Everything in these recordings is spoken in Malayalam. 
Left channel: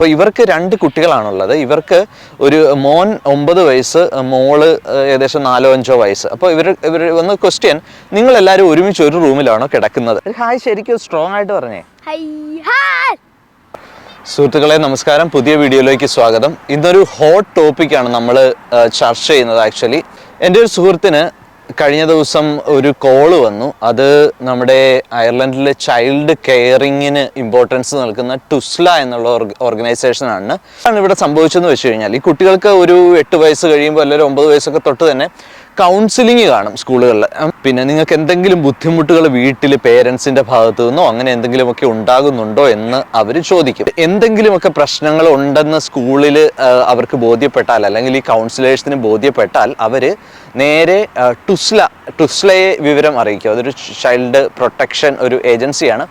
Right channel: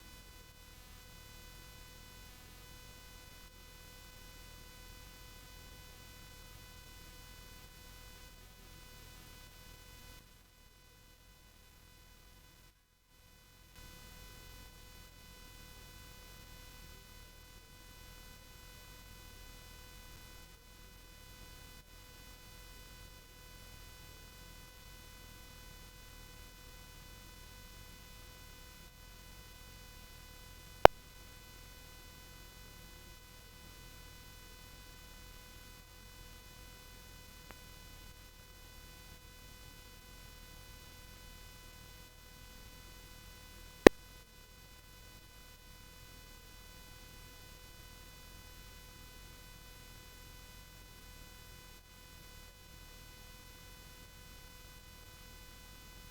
അപ്പോൾ ഇവർക്ക് 2 കുട്ടികളാണുള്ളത്. ഇവർക്ക് ഒരു മോൻ 9 വയസ്സ്, മോള് ഏകദേശം 4-5 വയസ്സ്. അപ്പോൾ ഇവർ വന്ന ക്വസ്റ്റ്യൻ, നിങ്ങൾ എല്ലാവരും ഒരുമിച്ച് ഒരു റൂമിലാണോ കിടക്കുന്നത്? ഹായ് ശരിക്കും സ്ട്രോങ് ആയിട്ട് പറഞ്ഞേ. സുഹൃത്തുക്കളെ നമസ്കാരം, പുതിയ വീഡിയോയിലേക്ക് സ്വാഗതം. ഇന്നൊരു ഹോട്ട് ടോപ്പിക്കാണ് നമ്മൾ ചർച്ച ചെയ്യുന്നത്. ആക്ച്വലി എൻ്റെ ഒരു സുഹൃത്തിന് കഴിഞ്ഞ ദിവസം ഒരു കോള് വന്നു. അത് നമ്മുടെ അയർലൻഡിലെ ചൈൽഡ് കെയറിങ്ങിന് ഇമ്പോർട്ടൻസ് നൽകുന്ന ടുസ്ല എന്നുള്ള ഓർഗനൈസേഷനാണ്. ഇവിടെ സംഭവിച്ചതെന്ന് വെച്ച് കഴിഞ്ഞാൽ, ഈ കുട്ടികൾക്ക് ഒരു 8 വയസ്സ് കഴിയുമ്പോൾ അല്ലെങ്കിൽ 9 വയസ്സൊക്കെ തൊട്ട് തന്നെ കൗൺസിലിംഗ് കാണും സ്കൂളുകളിൽ. പിന്നെ നിങ്ങൾക്ക് എന്തെങ്കിലും ബുദ്ധിമുട്ടുകൾ വീട്ടിൽ പേരൻസിൻ്റെ ഭാഗത്തു നിന്നോ അങ്ങനെ എന്തെങ്കിലുമൊക്കെ ഉണ്ടാകുന്നുണ്ടോ എന്ന് അവർ ചോദിക്കും. എന്തെങ്കിലുമൊക്കെ പ്രശ്നങ്ങൾ ഉണ്ടെന്ന് സ്കൂളിൽ അവർക്ക് ബോധ്യപ്പെട്ടാൽ, അല്ലെങ്കിൽ ഈ കൗൺസിലേഴ്സിന് ബോധ്യപ്പെട്ടാൽ, അവർ നേരെ ടുസ്ലയെ വിവരം അറിയിക്കും. അതൊരു ചൈൽഡ് പ്രൊട്ടക്ഷൻ ഒരു ഏജൻസിയാണ്.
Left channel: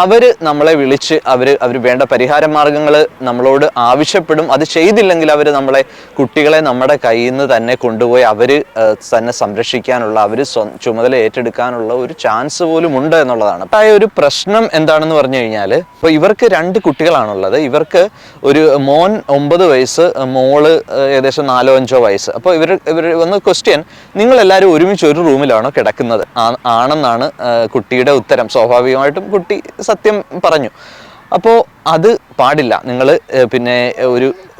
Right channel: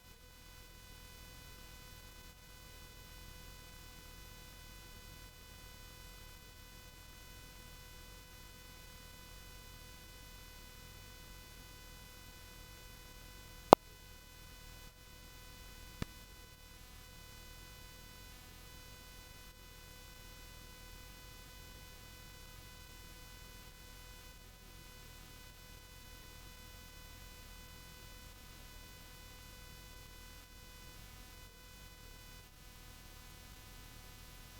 അവർ നമ്മളെ വിളിച്ച് അവർ വേണ്ട പരിഹാര മാർഗങ്ങൾ നമ്മളോട് ആവശ്യപ്പെടും. അത് ചെയ്തില്ലെങ്കിൽ അവർ കുട്ടികളെ നമ്മുടെ കയ്യിൽ നിന്ന് തന്നെ കൊണ്ടുപോയി അവർ തന്നെ സംരക്ഷിക്കാനുള്ള, അവർ ചുമതല ഏറ്റെടുക്കാനുള്ള ഒരു ചാൻസ് പോലും ഉണ്ട് എന്നുള്ളതാണ്. ഒരു പ്രശ്നം എന്താണെന്ന് പറഞ്ഞു കഴിഞ്ഞാൽ, ഇപ്പോൾ ഇവർക്ക് 2 കുട്ടികളാണുള്ളത്. ഇവർക്ക് ഒരു മോൻ 9 വയസ്സ്, മോള് ഏകദേശം 4-5 വയസ്സ്. അപ്പോൾ ഇവർ വന്ന ക്വസ്റ്റ്യൻ, നിങ്ങൾ എല്ലാവരും ഒരുമിച്ച് ഒരു റൂമിലാണോ കിടക്കുന്നത് ആണെന്നാണ് കുട്ടിയുടെ ഉത്തരം. സ്വാഭാവികമായിട്ടും കുട്ടി സത്യം പറഞ്ഞു. അപ്പോൾ അത് പാടില്ല. നിങ്ങൾ പിന്നെ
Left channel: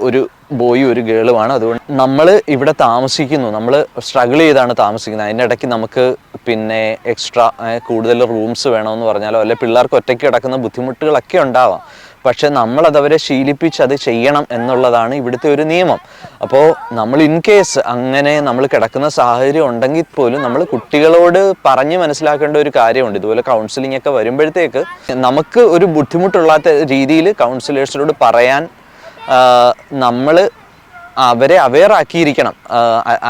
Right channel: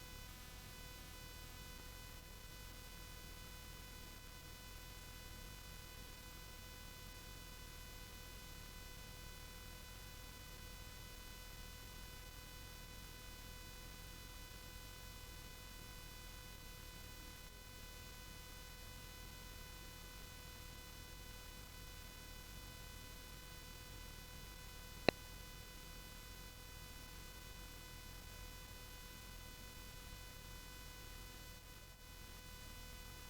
ഒരു ബോയും ഒരു ഗേളുമാണ്. അതുകൊണ്ട് നമ്മൾ ഇവിടെ താമസിക്കുന്നു, നമ്മൾ സ്ട്രഗിൾ ചെയ്താണ് താമസിക്കുന്നത്. അതിൻ്റെ ഇടയ്ക്ക് നമുക്ക് പിന്നെ എക്സ്ട്രാ കൂടുതൽ റൂംസ് വേണമെന്ന് പറഞ്ഞാലോ, അല്ലെ പിള്ളേർക്ക് ഒറ്റയ്ക്ക് കിടക്കുന്ന ബുദ്ധിമുട്ടുകളൊക്കെ ഉണ്ടാവാം. പക്ഷെ നമ്മളതവരെ ശീലിപ്പിച്ച് അത് ചെയ്യണം എന്നുള്ളതാണ് ഇവിടുത്തെ ഒരു നിയമം. അപ്പോൾ നമ്മൾ ഇൻ കേസ് അങ്ങനെ നമ്മൾ കിടക്കുന്ന സാഹചര്യം ഉണ്ടെങ്കിൽ പോലും നമ്മൾ കുട്ടികളോട് പറഞ്ഞ് മനസ്സിലാക്കേണ്ട ഒരു കാര്യമുണ്ട്. ഇതുപോലെ കൗൺസിലിംഗ് ഒക്കെ വരുമ്പോഴത്തേക്ക് നമുക്ക് ഒരു ബുദ്ധിമുട്ടുള്ളാത്ത രീതിയിൽ കൗൺസിലേഴ്സിനോട് പറയാൻ നമ്മൾ അവരെ അവെയർ ആക്കിയിരിക്കണം.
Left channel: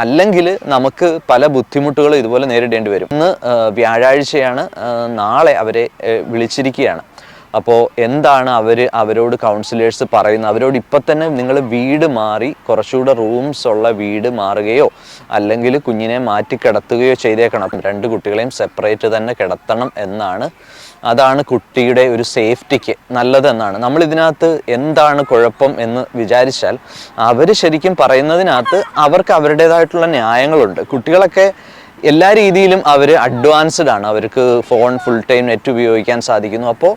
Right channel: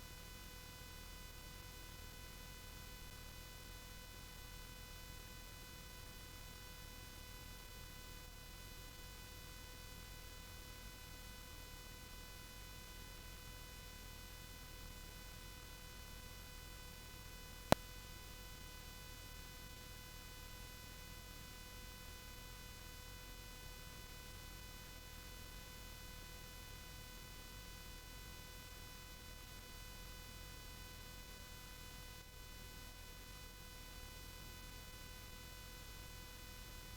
അല്ലെങ്കിൽ നമുക്ക് പല ബുദ്ധിമുട്ടുകളും ഇതുപോലെ നേരിടേണ്ടി വരും. ഇന്ന് വ്യാഴാഴ്ചയാണ്, നാളെ അവരെ വിളിച്ചിരിക്കുകയാണ്. അപ്പോൾ എന്താണ് അവരോട് കൗൺസിലേഴ്സ് പറയുന്നത്? അവരോട് ഇപ്പം തന്നെ നിങ്ങൾ വീട് മാറി കുറച്ചുകൂടെ റൂംസ് ഉള്ള വീട് മാറുകയോ അല്ലെങ്കിൽ കുഞ്ഞിനെ മാറ്റി കിടത്തുകയോ ചെയ്തേക്കണം. 2 കുട്ടികളെയും സെപ്പറേറ്റ് തന്നെ കിടത്തണം എന്നാണ്. അതാണ് കുട്ടിയുടെ ഒരു സേഫ്റ്റിക്ക് നല്ലതെന്നാണ്. നമ്മളിതിനകത്ത് എന്താണ് കുഴപ്പം എന്ന് വിചാരിച്ചാൽ, അവർ ശരിക്കും പറയുന്നതിനകത്ത് അവർക്ക് അവരുടേതായിട്ടുള്ള ന്യായങ്ങളുണ്ട്. കുട്ടികളൊക്കെ എല്ലാ രീതിയിലും അവർ അഡ്വാൻസ്ഡ് ആണ്. അവർക്ക് ഫോൺ ഫുൾ ടൈം നെറ്റ് ഉപയോഗിക്കാൻ സാധിക്കുന്നു. അപ്പോൾ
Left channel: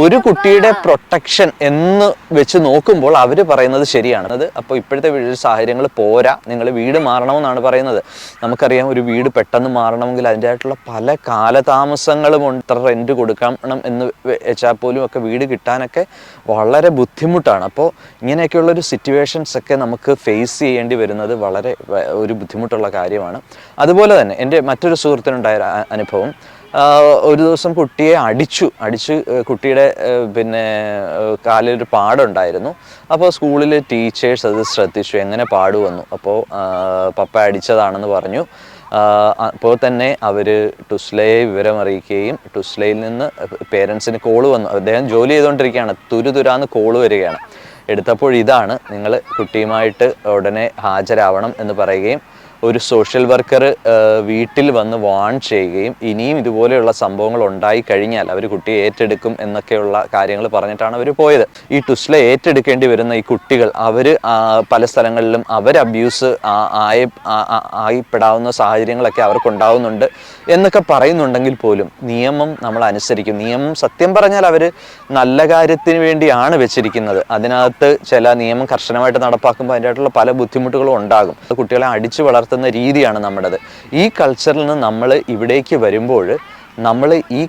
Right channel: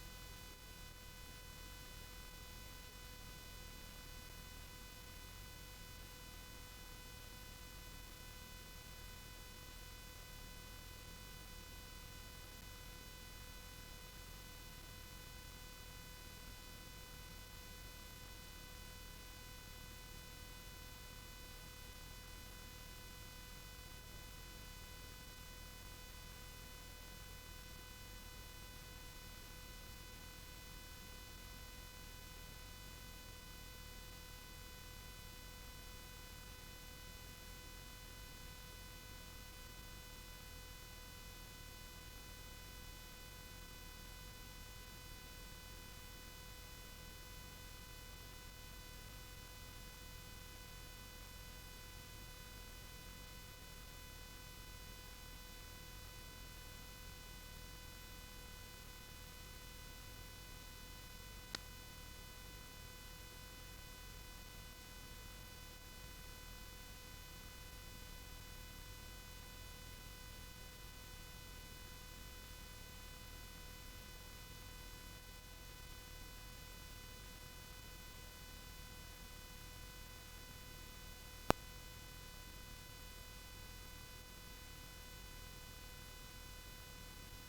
ഒരു കുട്ടിയുടെ പ്രൊട്ടക്ഷൻ എന്ന് വെച്ച് നോക്കുമ്പോൾ അവർ പറയുന്നത് ശരിയാണ്. അപ്പോൾ ഇപ്പോഴത്തെ സാഹചര്യങ്ങൾ പോരാ, നിങ്ങൾ വീട് മാറണമെന്നാണ് പറയുന്നത്. നമുക്കറിയാം, ഒരു വീട് പെട്ടെന്ന് മാറണമെങ്കിൽ അതിൻ്റെതായിട്ടുള്ള പല കാലതാമസങ്ങളും ഉണ്ട്. ഇത്ര റെൻറ്റ് കൊടുക്കണം എന്ന് വെച്ചാൽ പോലും ഒക്കെ വീട് കിട്ടാനൊക്കെ വളരെ ബുദ്ധിമുട്ടാണ്. അപ്പോൾ ഇങ്ങനെയൊക്കെയുള്ളൊരു സിറ്റുവേഷൻസ് ഒക്കെ നമുക്ക് ഫേസ് ചെയ്യേണ്ടി വരുന്നത് വളരെ ഒരു ബുദ്ധിമുട്ടുള്ള കാര്യമാണ്. അതുപോലെ തന്നെ എൻ്റെ മറ്റൊരു സുഹൃത്തിനുണ്ടായ അനുഭവം, ഒരു ദിവസം കുട്ടിയെ അടിച്ച് കുട്ടിയുടെ പിന്നെ കാലിലൊരു പാടുണ്ടായിരുന്നു. അപ്പോൾ സ്കൂളിൽ ടീച്ചേഴ്സ് അത് ശ്രദ്ധിച്ചു, എങ്ങനെ പാട് വന്നു. അപ്പോൾ പപ്പ അടിച്ചതാണെന്ന് പറഞ്ഞു. അപ്പോൾ തന്നെ അവർ ടുസ്ലയെ വിവരം അറിയിക്കുകയും ടുസ്ലയിൽ നിന്ന് പേരൻസിന് കോള് വന്നു. അദ്ദേഹം ജോലി ചെയ്തുകൊണ്ടിരിക്കുകയാണ്, തുരാന്ന് കോള് വരികയാണ്. എടുത്തപ്പോൾ ഇതാണ്, നിങ്ങൾ കുട്ടിയുമായിട്ട് ഉടനെ ഹാജരാവണം എന്ന് പറയുകയും ഒരു സോഷ്യൽ വർക്കർ വീട്ടിൽ വന്ന് വാൺ ചെയ്യുകയും ഇനിയും ഇതുപോലെയുള്ള സംഭവങ്ങൾ ഉണ്ടായി കഴിഞ്ഞാൽ അവർ കുട്ടിയെ ഏറ്റെടുക്കും എന്നൊക്കെയുള്ള കാര്യങ്ങൾ പറഞ്ഞിട്ടാണ് അവർ പോയത്. ഈ ടുസ്ല ഏറ്റെടുക്കേണ്ടി വരുന്ന ഈ കുട്ടികൾ, അവർ പല സ്ഥലങ്ങളിലും അബ്യൂസ് ആയിപ്പെടാവുന്ന സാഹചര്യങ്ങളൊക്കെ അവർക്കുണ്ടാവുന്നുണ്ട് എന്നൊക്കെ പറയുന്നുണ്ടെങ്കിൽ പോലും നിയമം നമ്മൾ അനുസരിക്കും. നിയമം സത്യം പറഞ്ഞാൽ അവർ നല്ല കാര്യത്തിന് വേണ്ടിയാണ് വെച്ചിരിക്കുന്നത്. അതിനകത്ത് ചില നിയമം കർശനമായിട്ട് നടപ്പാക്കുമ്പോൾ അതിൻ്റെതായിട്ടുള്ള പല ബുദ്ധിമുട്ടുകളും ഉണ്ടാകും. കുട്ടികളെ അടിച്ചു വളർത്തുന്ന രീതിയാണ് നമ്മുടേത്. ഈ കൾച്ചറിൽ നിന്ന് നമ്മൾ ഇവിടേക്ക് വരുമ്പോൾ നമ്മൾ ഈ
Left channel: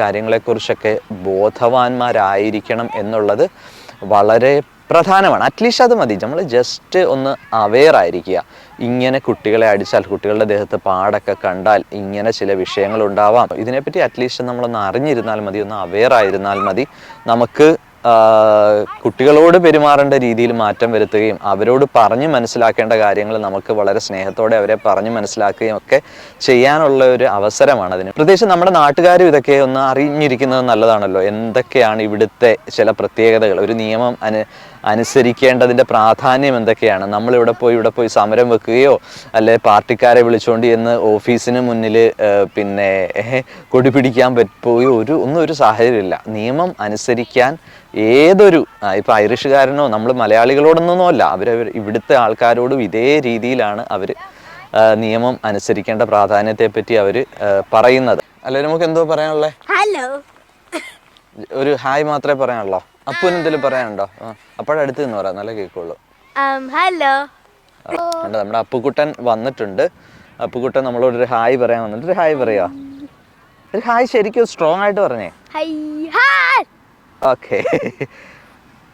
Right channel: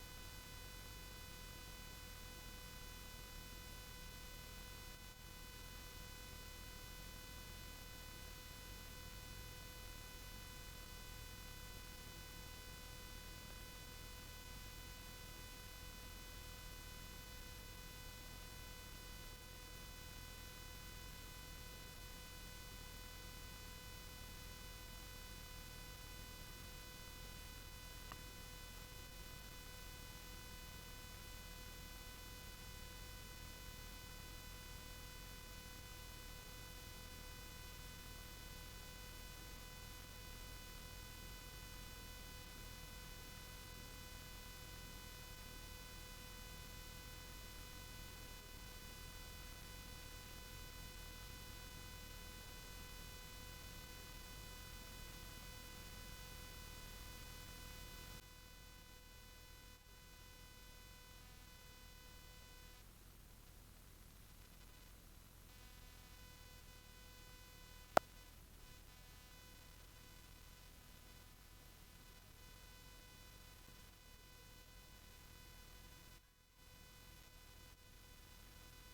കാര്യങ്ങളെക്കുറിച്ചൊക്കെ ബോധവാന്മാരായിരിക്കണം എന്നുള്ളത് വളരെ പ്രധാനമാണ്. അറ്റ്ലീസ്റ്റ് അത് മതി. നമ്മൾ ജസ്റ്റ് ഒന്ന് അവെയർ ആയിരിക്കുക. ഇങ്ങനെ കുട്ടികളെ അടിച്ചാൽ, കുട്ടികളുടെ ദേഹത്ത് പാടൊക്കെ കണ്ടാൽ ഇങ്ങനെ ചില വിഷയങ്ങൾ ഉണ്ടാവാം. ഇതിനെപ്പറ്റി അറ്റ്ലീസ്റ്റ് നമ്മളൊന്ന് അറിഞ്ഞിരുന്നാൽ മതി, ഒന്ന് അവെയർ ആയിരുന്നാൽ മതി. നമുക്ക് കുട്ടികളോട് പെരുമാറേണ്ട രീതിയിൽ മാറ്റം വരുത്തുകയും അവരോട് പറഞ്ഞ് മനസ്സിലാക്കേണ്ട കാര്യങ്ങൾ നമുക്ക് വളരെ സ്നേഹത്തോടെ അവരെ പറഞ്ഞ് മനസ്സിലാക്കുകയും ഒക്കെ ചെയ്യാനുള്ള ഒരു അവസരമാണ് അതിന്. പ്രത്യേകിച്ച് നമ്മുടെ നാട്ടുകാരും ഇതൊക്കെ ഒന്ന് അറിഞ്ഞിരിക്കുന്നത് നല്ലതാണല്ലോ. എന്തൊക്കെയാണ് ഇവിടുത്തെ ചില പ്രത്യേകതകൾ, ഒരു നിയമം അനുസരിക്കേണ്ടതിൻ്റെ പ്രാധാന്യം എന്തൊക്കെയാണ്. നമ്മളിവിടെ പോയി സമരം വെക്കുകയോ അല്ലെ പാർട്ടിക്കാരെ വിളിച്ചുകൊണ്ട് ചെന്ന് ഓഫീസിന് മുന്നിൽ പിന്നെ കൊടി പിടിക്കാൻ പോയോ ഒന്നും ഒരു സാഹചര്യമില്ല. നിയമം അനുസരിക്കാൻ ഏതൊരു ഇപ്പം ഐറിഷുകാരനോ നമ്മൾ മലയാളികളോടൊന്നും അല്ല, അവർ ഇവിടുത്തെ ആൾക്കാരോടും ഇതേ രീതിയിലാണ് അവർ നിയമം അനുസരിക്കേണ്ട പ്രാധാന്യത്തെപ്പറ്റി അവർ പറയുന്നത്. അല്ലെ നമുക്ക് എന്തോ പറയാനുള്ളത്? ഹലോ, ഒരു ഹായ് മാത്രമേ പറയാനുള്ളോ? അപ്പൂന് എന്തെങ്കിലും പറയാനുണ്ടോ? അപ്പോഴടുത്ത് നിന്ന് പറയാം, നല്ല കേൾക്കുള്ളൂ. ഹലോ. നമ്മുടെ അപ്പുക്കുട്ടൻ വന്നിട്ടുണ്ട്. അപ്പുക്കുട്ടൻ നമ്മളോടൊരു ഹായ് പറയാൻ വന്നിട്ട് ഒരു ഹായ് പറയാ. ഒരു ഹായ് ശരിക്കും സ്ട്രോങ് ആയിട്ട് പറഞ്ഞേ. Okay,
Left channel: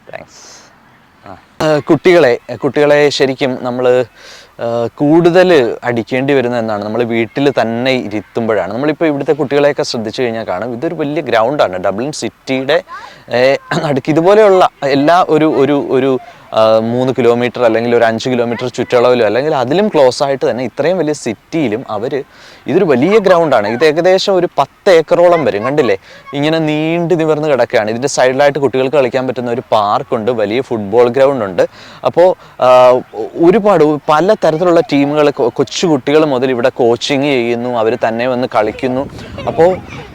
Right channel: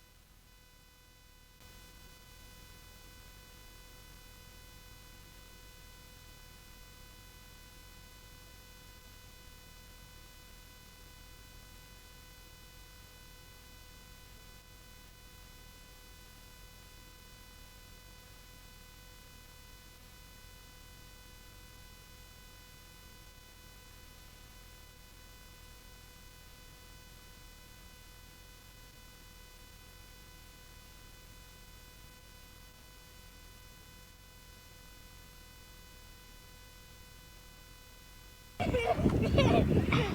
thanks. കുട്ടികളെ ശരിക്കും നമ്മൾ കൂടുതൽ അടിക്കേണ്ടി വരുന്നത് എന്നാണ്, നമ്മൾ വീട്ടിൽ തന്നെ ഇരുത്തുമ്പോഴാണ്. നമ്മളിപ്പോൾ ഇവിടുത്തെ കുട്ടികളെയൊക്കെ ശ്രദ്ധിച്ചു കഴിഞ്ഞാൽ കാണും, ഇതൊരു വലിയ ഗ്രൗണ്ടാണ്. ഡബ്ലിൻ സിറ്റിയുടെ നടുക്ക് ഇതുപോലെയുള്ള എല്ലാ ഒരു 3 കിലോമീറ്റർ അല്ലെങ്കിൽ ഒരു 5 കിലോമീറ്റർ ചുറ്റളവിലും അല്ലെങ്കിൽ അതിലും ക്ലോസ് ആയിട്ട് തന്നെ ഇത്രയും വലിയ സിറ്റിയിലും ഇതൊരു വലിയ ഗ്രൗണ്ടാണ്. ഇത് ഏകദേശം ഒരു 10 ഏക്കറോളം വരും. കണ്ടില്ലേ, ഇങ്ങനെ നീണ്ടു നിവർന്ന് കിടക്കുകയാണ്. ഇതിൻ്റെ സൈഡിലായിട്ട് കുട്ടികൾക്ക് കളിക്കാൻ പറ്റുന്ന ഒരു പാർക്കുണ്ട്, വലിയ ഫുട്ബോൾ ഗ്രൗണ്ട് ഉണ്ട്. അപ്പോൾ ഒരുപാട് പല തരത്തിലുള്ള ടീമുകൾ, കൊച്ചു കുട്ടികൾ മുതൽ ഇവിടെ കോച്ചിങ് ചെയ്യുന്നു, അവർ തന്നെ വന്ന് കളിക്കുന്നു. അപ്പോൾ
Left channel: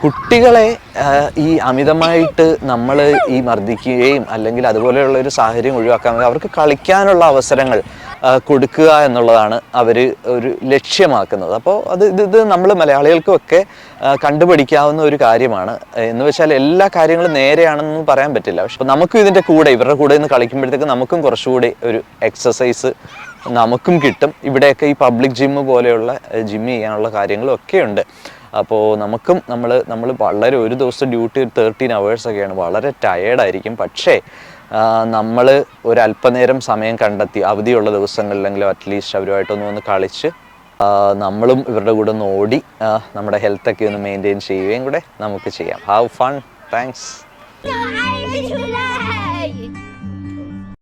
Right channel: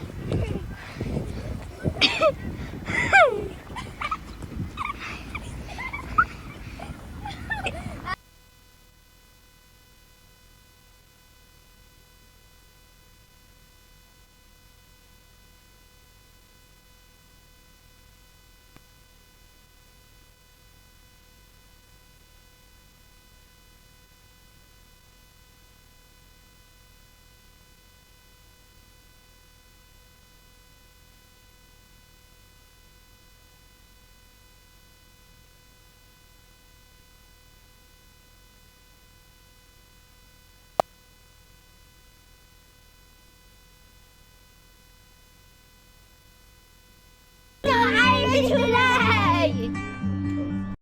കുട്ടികളെ ഈ അമിതമായിട്ട് നമ്മൾ ഈ മർദ്ദിക്കുകയും അല്ലെങ്കിൽ അതുപോലെയുള്ള ഒരു സാഹചര്യം ഒഴിവാക്കാൻ അവർക്ക് കളിക്കാനുള്ള അവസരങ്ങൾ കൊടുക്കുക എന്നുള്ളതാണ് അവർ ഒരു ലക്ഷ്യമാക്കുന്നത്. അപ്പോൾ ഇത് നമ്മൾ മലയാളികൾക്കുമൊക്കെ കണ്ടുപഠിക്കാവുന്ന ഒരു കാര്യമാണ്. എന്ന് വെച്ചാൽ എല്ലാ കാര്യങ്ങളും നേരെയാണെന്ന് പറയാൻ പറ്റില്ല. പക്ഷെ നമുക്കും ഇതിൻ്റെ കൂടെ ഇവരുടെ കൂടെ നിന്ന് കളിക്കുമ്പോഴത്തേക്ക് നമുക്കും കുറച്ചുകൂടി ഒരു എക്സസൈസ് നമുക്കും കിട്ടും. ഇവിടെയൊക്കെ ഈ പബ്ലിക് ജിമ്മ് പോലെയുള്ള ജിമ്മ് ചെയ്യാനുള്ള കാര്യങ്ങളും ഒക്കെ ഉണ്ട്. അപ്പോൾ നമ്മൾ വളരെ ഒരു ദിവസം ഡ്യൂട്ടി 13 hours ഒക്കെയാണ്, വളരെ ടയേർഡായിരിക്കും. പക്ഷേ നമ്മൾ ഒരല്പനേരം സമയം കണ്ടെത്തി അവധിയുള്ള ദിവസങ്ങളിലെങ്കിലും അറ്റ്ലീസ്റ്റ് അവരുമായിട്ടൊന്ന് വന്ന് കളിച്ച് നമ്മളും ഇവരുടെ കൂടെ ഒന്ന് ഓടി നമ്മുടെ ഹെൽത്തൊക്കെ ഒന്ന് മെയിൻറ്റെയിൻ ചെയ്യുകയും കൂടെ നമുക്ക് ചെയ്യാം. Have fun. താങ്ക്സ്.